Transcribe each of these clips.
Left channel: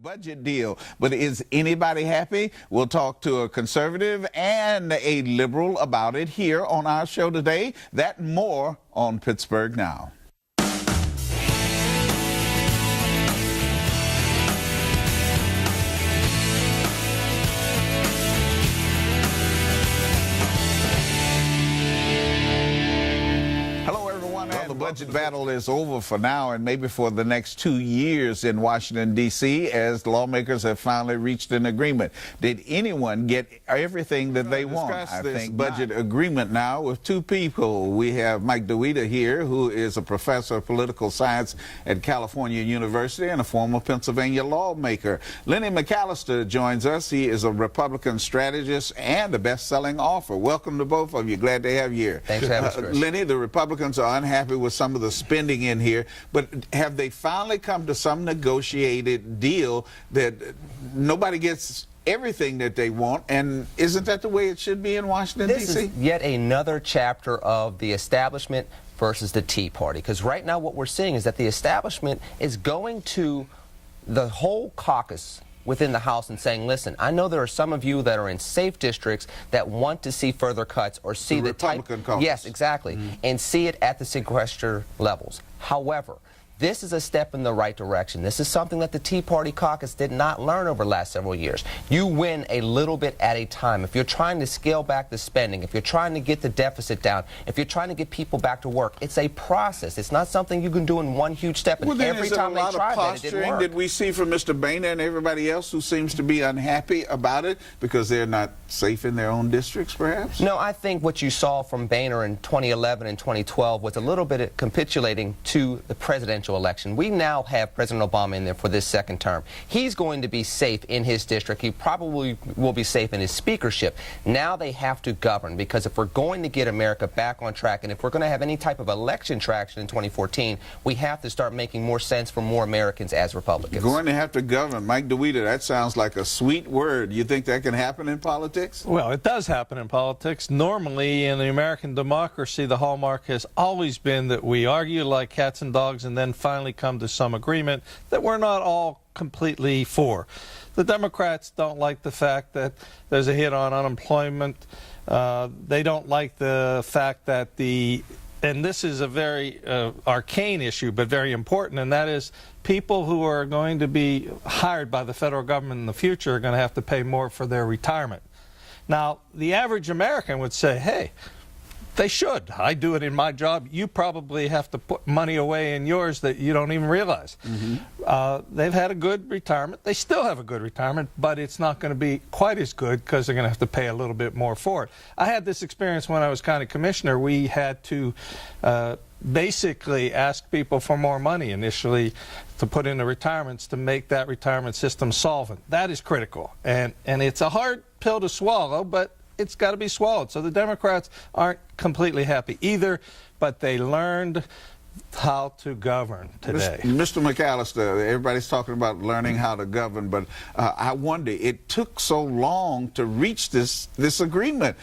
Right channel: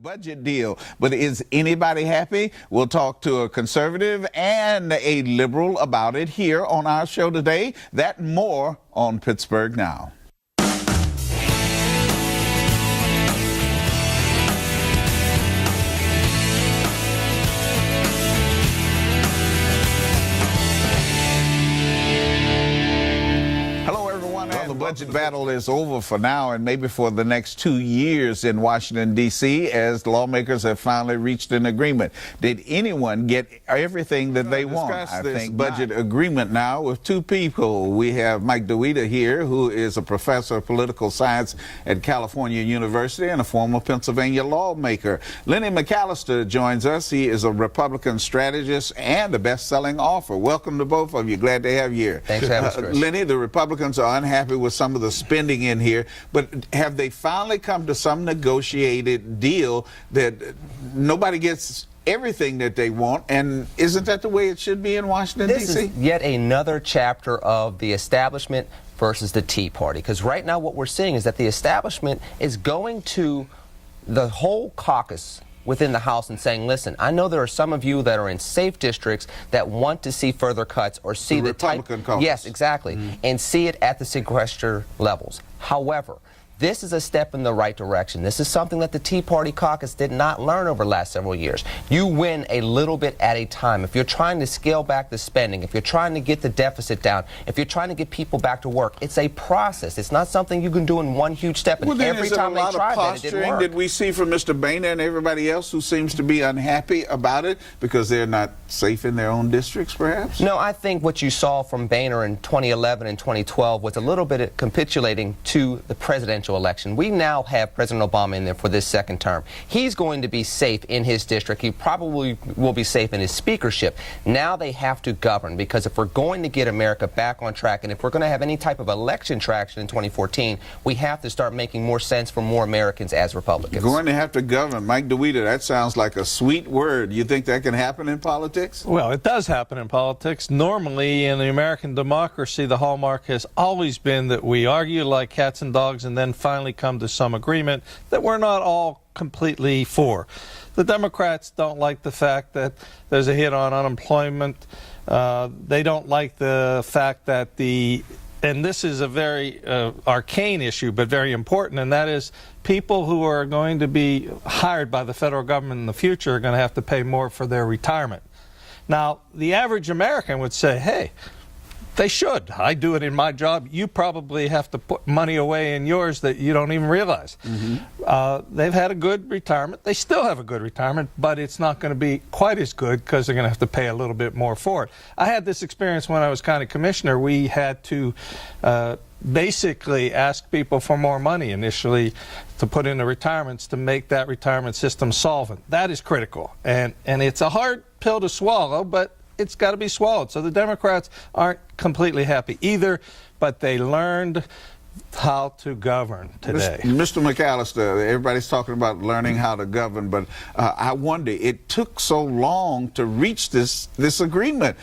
Budget deal, but is anybody happy? We'll talk to a conservative and a liberal about it here on our show today. That and more on Pittsburgh Now. Budget battle is over for now and maybe for the next 2 years in Washington, D.C., as lawmakers have finally reached an agreement. Did anyone get everything that they want? I think budget agreement now with two people. We have Mike Dawida here, who is a professor of political science at California University and a former Pennsylvania lawmaker. Lenny McAllister joins us. He is a Republican strategist and a best-selling author. Welcome to both of you. Glad to have you here. Thanks for having us, Chris. Lenny, the Republicans are unhappy with some of the spending in here, but have they finally come to some negotiated deal that nobody gets everything that they want? And isn't that the way it should be in Washington, D.C.? This is yet another chapter of the establishment versus the Tea Party, because right now what we're seeing is that the establishment is going to the whole caucus within the House and saying, listen, I know there are some of you that are in safe districts that want to see further cuts or see the Republican caucus. Yes, exactly, and see it at the sequester levels. However, this is a step in the right direction. This is something that the Tea Party caucus did not learn over the last several years. You win a little bit at a time. If you're trying to scale back the spending, if you're trying to get the deficit down, if you're trying to get people back to work, it's a process. It's not something you can do in one huge step. And every time they tried that, it didn't work. Did we see from Mr. Boehner and everybody else who seems to be unhappy about it because they're not safe in their own districts, perhaps? No, I think what you saw from Boehner in 2011 and 2012 was a little bit of capitulating to the presidential election. We now have President Obama in there for this second term. He's going to be safe in his district. He probably will be safe in his speakership. Now they have to govern, because if we're going to get America back on track and if we're going to have any type of election traction in 2014, we have to start making more sense for more Americans as Republicans. Going to have to govern. Mike Dawida, that sounds like a sweet word. You think that can happen in politics? Well, it does happen in politics. Normally, in the American democracy, the hallmark has always been that we argue like cats and dogs and then finally come to some agreement that we're not all completely for. The Democrats don't like the fact that there's a hit on unemployment. They don't like the fact that and this is a very arcane issue, but very important, and that is people who are going to be hired by the federal government in the future are going to have to pay more for their retirement. Now, the average American would say, hey, they should. I do it in my job. You probably have to put money away in yours that you don't even realize. They've had a good retirement. They still have a good retirement, but it's not going to be quite as good because they're going to have to pay a little bit more for it. I had this experience when I was county commissioner. We had to basically ask people for more money initially to put into retirements to make that retirement system solvent. That is critical. And it's a hard pill to swallow, but it's got to be swallowed. So the Democrats aren't completely happy either, but they learned how to govern today. Mr. McAllister, everybody's talking about learning how to govern, but I wonder, it took so long to reach this agreement.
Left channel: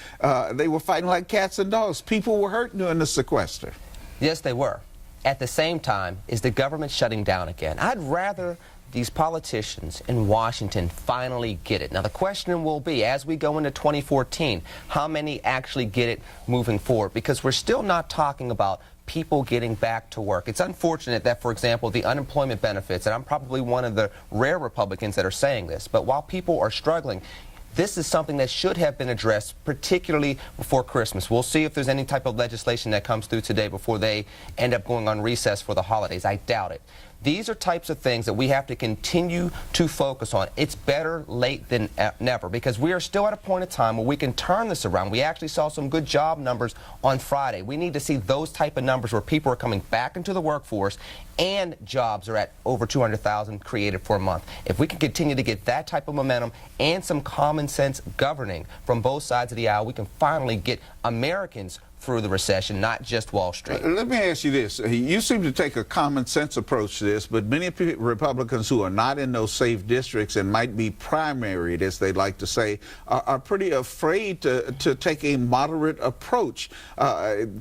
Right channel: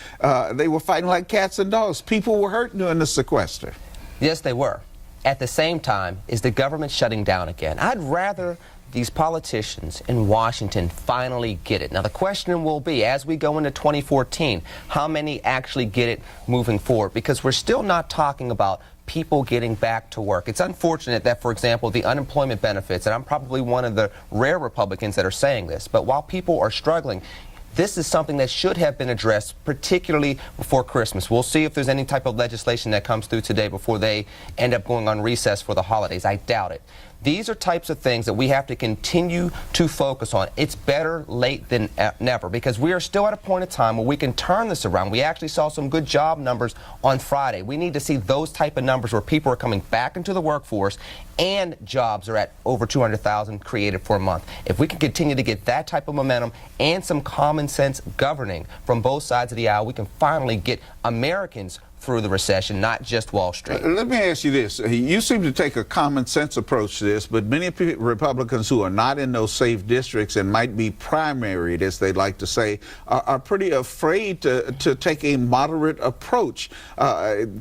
They were fighting like cats and dogs. People were hurt during the sequester. Yes, they were. At the same time, is the government shutting down again? I'd rather these politicians in Washington finally get it. Now, the question will be, as we go into 2014, how many actually get it moving forward? Because we're still not talking about people getting back to work. It's unfortunate that, for example, the unemployment benefits, and I'm probably one of the rare Republicans that are saying this, but while people are struggling, this is something that should have been addressed, particularly before Christmas. We'll see if there's any type of legislation that comes through today before they end up going on recess for the holidays. I doubt it. These are types of things that we have to continue to focus on. It's better late than never, because we are still at a point in time where we can turn this around. We actually saw some good job numbers on Friday. We need to see those type of numbers where people are coming back into the workforce and jobs are at over 200,000 created for a month. If we can continue to get that type of momentum and some common sense governing from both sides of the aisle, we can finally get Americans through the recession, not just Wall Street. Let me ask you this. You seem to take a common sense approach to this, but many Republicans who are not in those safe districts and might be primaried, as they like to say, are pretty afraid to take a moderate approach.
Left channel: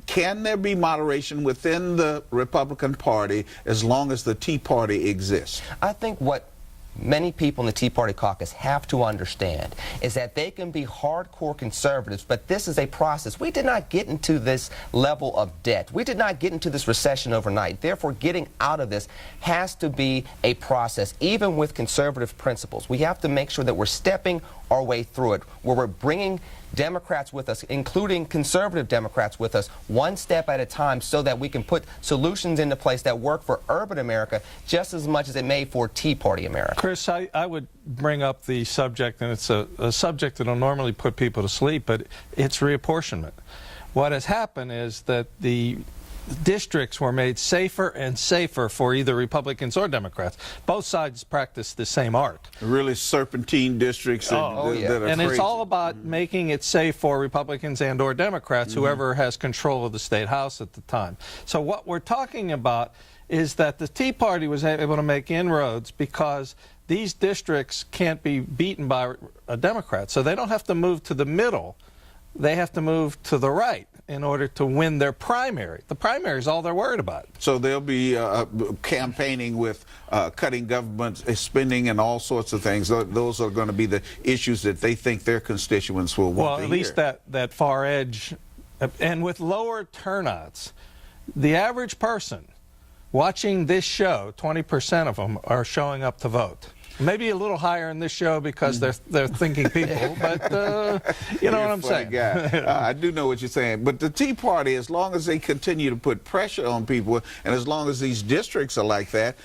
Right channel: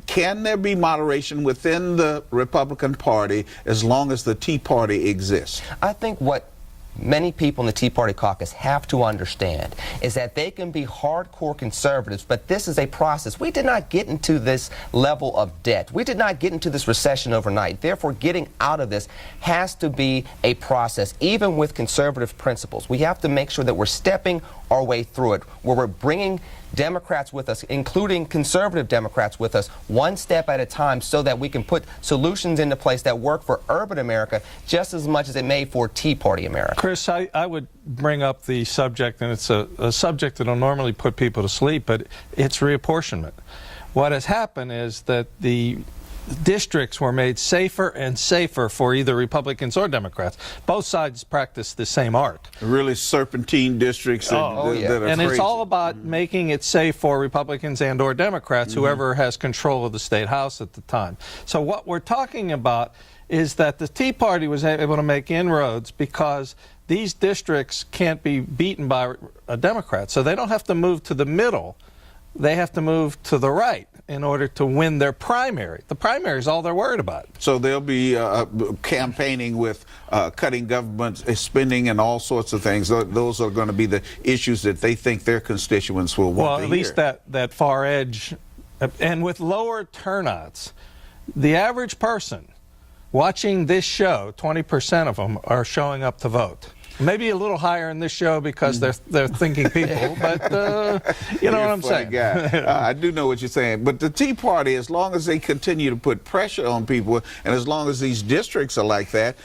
Can there be moderation within the Republican Party as long as the Tea Party exists? I think what many people in the Tea Party caucus have to understand is that they can be hardcore conservatives, but this is a process. We did not get into this level of debt. We did not get into this recession overnight. Therefore, getting out of this has to be a process, even with conservative principles. We have to make sure that we're stepping our way through it, where we're bringing Democrats with us, including conservative Democrats with us, one step at a time, so that we can put solutions into place that work for urban America just as much as it may for Tea Party America. Chris, I would bring up the subject, and it's a subject that will normally put people to sleep, but it's reapportionment. What has happened is that the districts were made safer and safer for either Republicans or Democrats. Both sides practice the same art. Really serpentine districts that are and crazy. it's all about making it safe for Republicans and or Democrats, whoever has control of the state house at the time. So what we're talking about is that the Tea Party was able to make inroads because these districts can't be beaten by a Democrat. So they don't have to move to the middle. They have to move to the right in order to win their primary. The primary is all they're worried about. So they'll be campaigning with cutting government spending and all sorts of things. Those are going to be the issues that they think their constituents will want to hear. Well, at least that far edge. And with lower turnouts, the average person watching this show, 20% of them are showing up to vote. Maybe a little higher in this show because they're thinking people, but you know what I'm saying. I do know what you're saying. But the Tea Party, as long as they continue to put pressure on people, and as long as these districts are like that,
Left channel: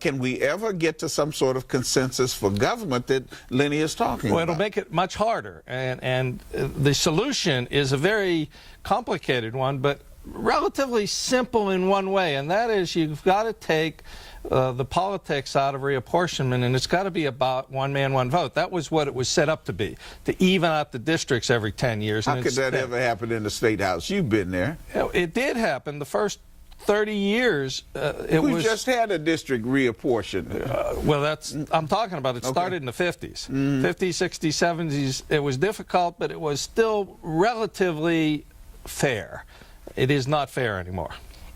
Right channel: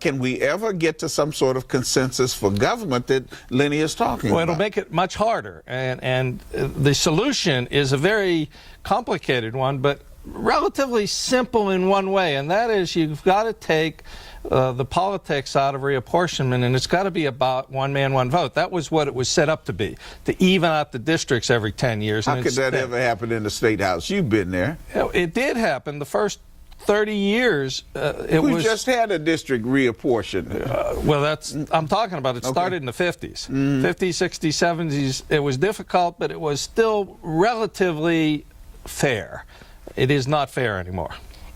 can we ever get to some sort of consensus for government that Lenny is talking about? It'll make it much harder. And the solution is a very complicated one, but relatively simple in one way, and that is you've got to take the politics out of reapportionment, and it's got to be about one man, one vote. That was what it was set up to be, to even out the districts every 10 years. How could that ever happen in the State House? You've been there. It did happen. The first 30 years, we just had a district reapportioned. Well, I'm talking about. It started in the 50s. 50s, 60s, 70s. It was difficult, but it was still relatively fair. It is not fair anymore.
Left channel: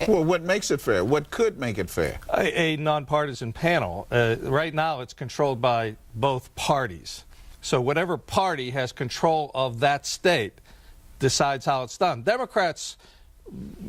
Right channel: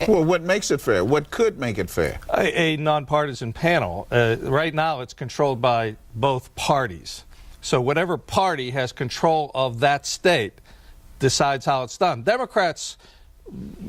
Well, what makes it fair? What could make it fair? A nonpartisan panel. Right now, it's controlled by both parties. So whatever party has control of that state decides how it's done. Democrats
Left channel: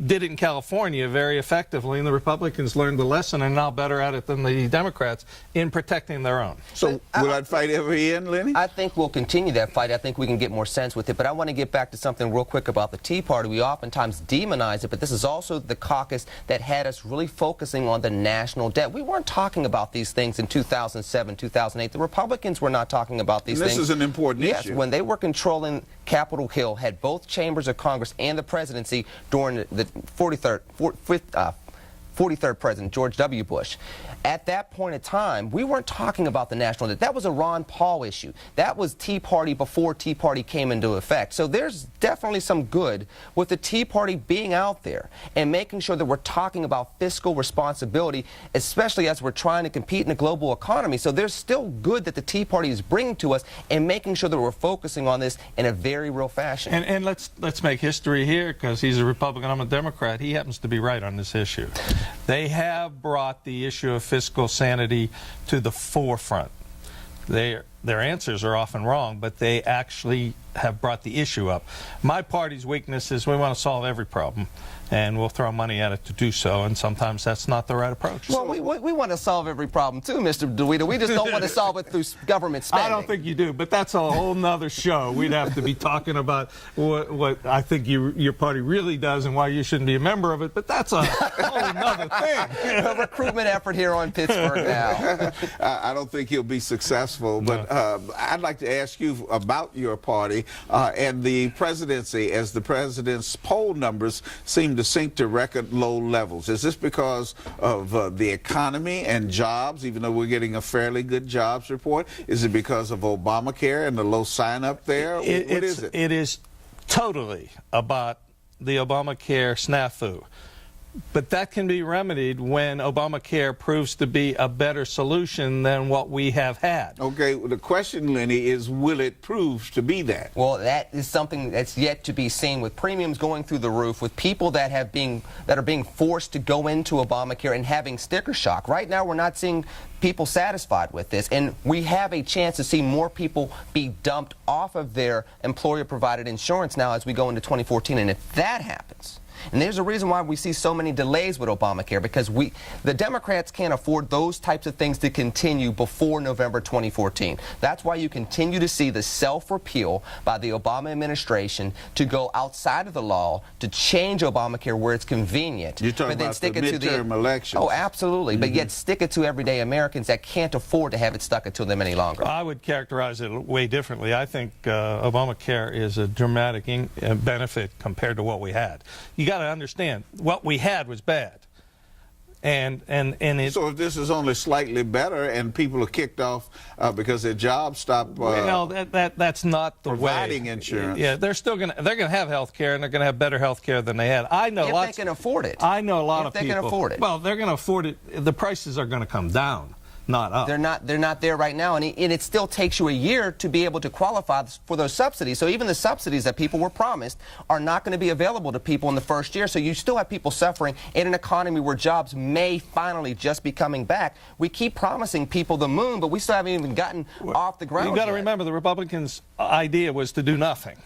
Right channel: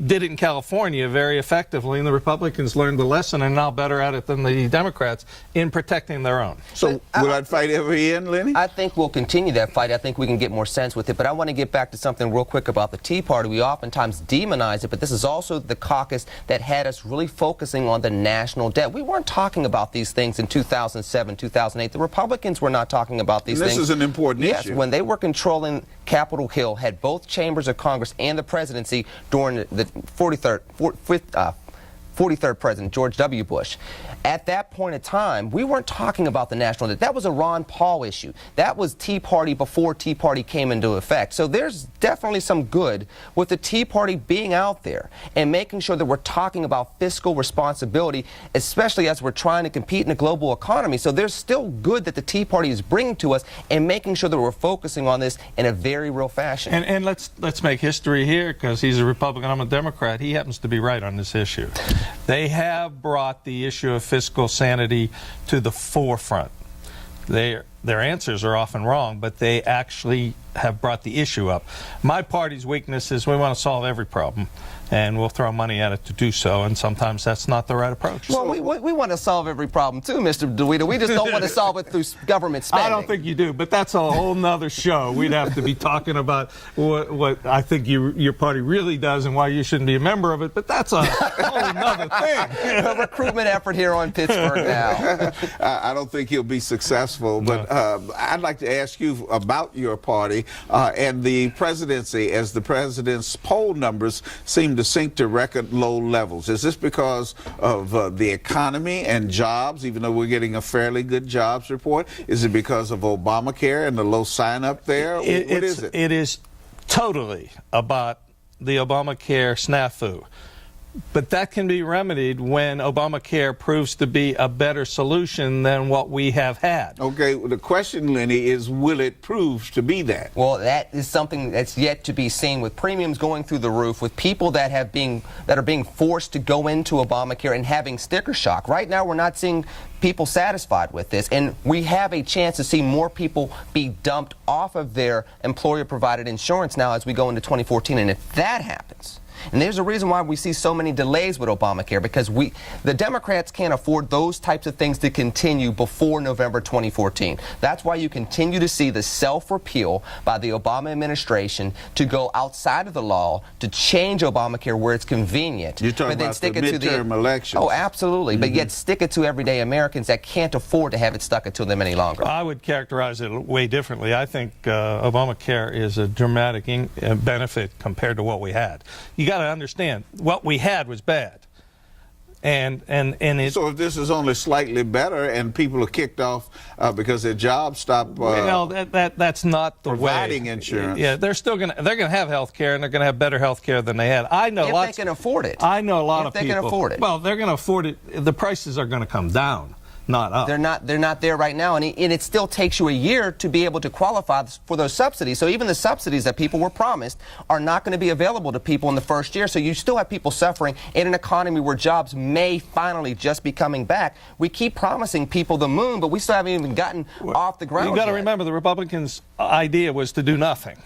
did it in California very effectively, and the Republicans learned the lesson and are now better at it than the Democrats in protecting their own. So will that fight ever end, Lenny? I think we'll continue that fight. I think we can get more sense with it. But I want to get back to something real quick about the Tea Party. We oftentimes demonize it, but this is also the caucus that had us really focusing on the national debt. We weren't talking about these things in 2007, 2008. The Republicans were not talking about these things. This is an important issue. Yes, when they were controlling Capitol Hill, had both chambers of Congress and the presidency during the 43rd President, George W. Bush. At that point in time, we weren't talking about the national debt. That was a Ron Paul issue. That was Tea Party before Tea Party came into effect. So there's definitely some good with the Tea Party being out there and making sure that we're talking about fiscal responsibility, especially as we're trying to compete in a global economy. So there's still good that the Tea Party is bringing to us and making sure that we're focusing on this in a very real fashion. And let's make history here, because he's a Republican, I'm a Democrat. He happens to be right on this issue. They have brought the issue of fiscal sanity to the forefront. Their answers are often wrong, but they actually have brought the issue up. My party's weakness is we want to solve every problem, and we'll throw money at it to do so, and sometimes that's not the right approach. Well, we want to solve every problem too, Mr. Dawida. We just don't want to solve it through government spending. I don't think you do, but that's a whole nother show. We'd have to be talking about what I think your party really does and why you shouldn't be a member of it, but that's a whole nother thing. The recruitment effort here on Pittsburgh Now. I don't think he'll be successful, but I'd like to ask you about your party and the presidency, as the president's poll numbers seem to sink to record low levels. Is this because of the economy and jobs, even though we're getting a fairly good jobs report? Is it because of Obamacare and the low sign-up there? What is it? It is totally about the Obamacare snafu. But that can be remedied when Obamacare proves to be a better solution than what we have had. Okay, well, the question, Lenny, is will it prove to be that? Well, that is something that's yet to be seen, with premiums going through the roof, with people that are being forced to go into Obamacare and having sticker shock. Right now, we're not seeing people satisfied with this, and we have a chance to see more people be dumped off of their employer-provided insurance now as we go into 2014. And if that happens, and there's a reason why we see so many delays with Obamacare, because the Democrats can't afford those types of things to continue before November 2014. That's why you continue to see the self-repeal by the Obama administration to go outside of the law to change Obamacare where it's convenient. You're talking but then about stick the it to midterm elections. Oh, absolutely. But yet stick it to everyday Americans that can't afford to have it stuck into them any longer. I would characterize it way differently. I think Obamacare is a dramatic benefit compared to what we had. You got to understand, what we had was bad. And so if this is only slightly better and people are kicked off because their jobs stop that's not the providing way. Insurance. Yeah, they're gonna have health care, and they're gonna have better health care than they had. I know if they can afford it. I know a lot of people. If they can afford it. Well, they're gonna afford it. The prices are gonna come down, not up. They're not there right now, and it still takes you a year to be able to qualify for those subsidies. So even the subsidies that people were promised are not going to be available to people in the first year. So you still have people suffering in an economy where jobs may finally just be coming back. We keep promising people the moon, but we still haven't even gotten off the ground. You got to yet. remember, the Republicans' idea was to do nothing.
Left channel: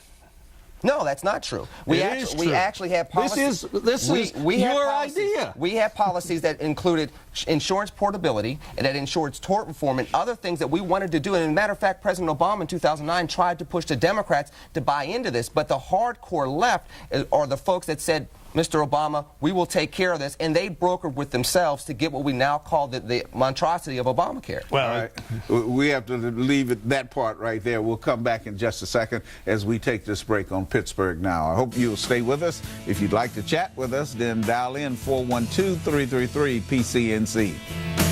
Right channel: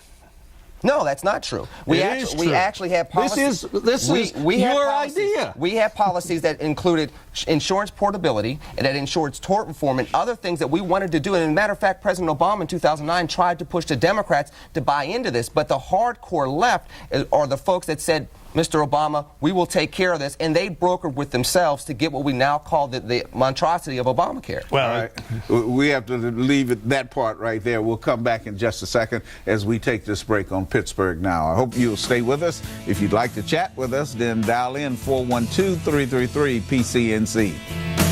No, that's not true. We actually have policies. This is your idea. We have policies that included insurance portability and that insurance tort reform and other things that we wanted to do. And as a matter of fact, President Obama in 2009 tried to push the Democrats to buy into this. But the hardcore left are the folks that said, Mr. Obama, we will take care of this, and they brokered with themselves to get what we now call the monstrosity of Obamacare. Well, all right. We have to leave that part right there. We'll come back in just a second as we take this break on Pittsburgh Now. I hope you'll stay with us. If you'd like to chat with us, then dial in 412-333-PCNC.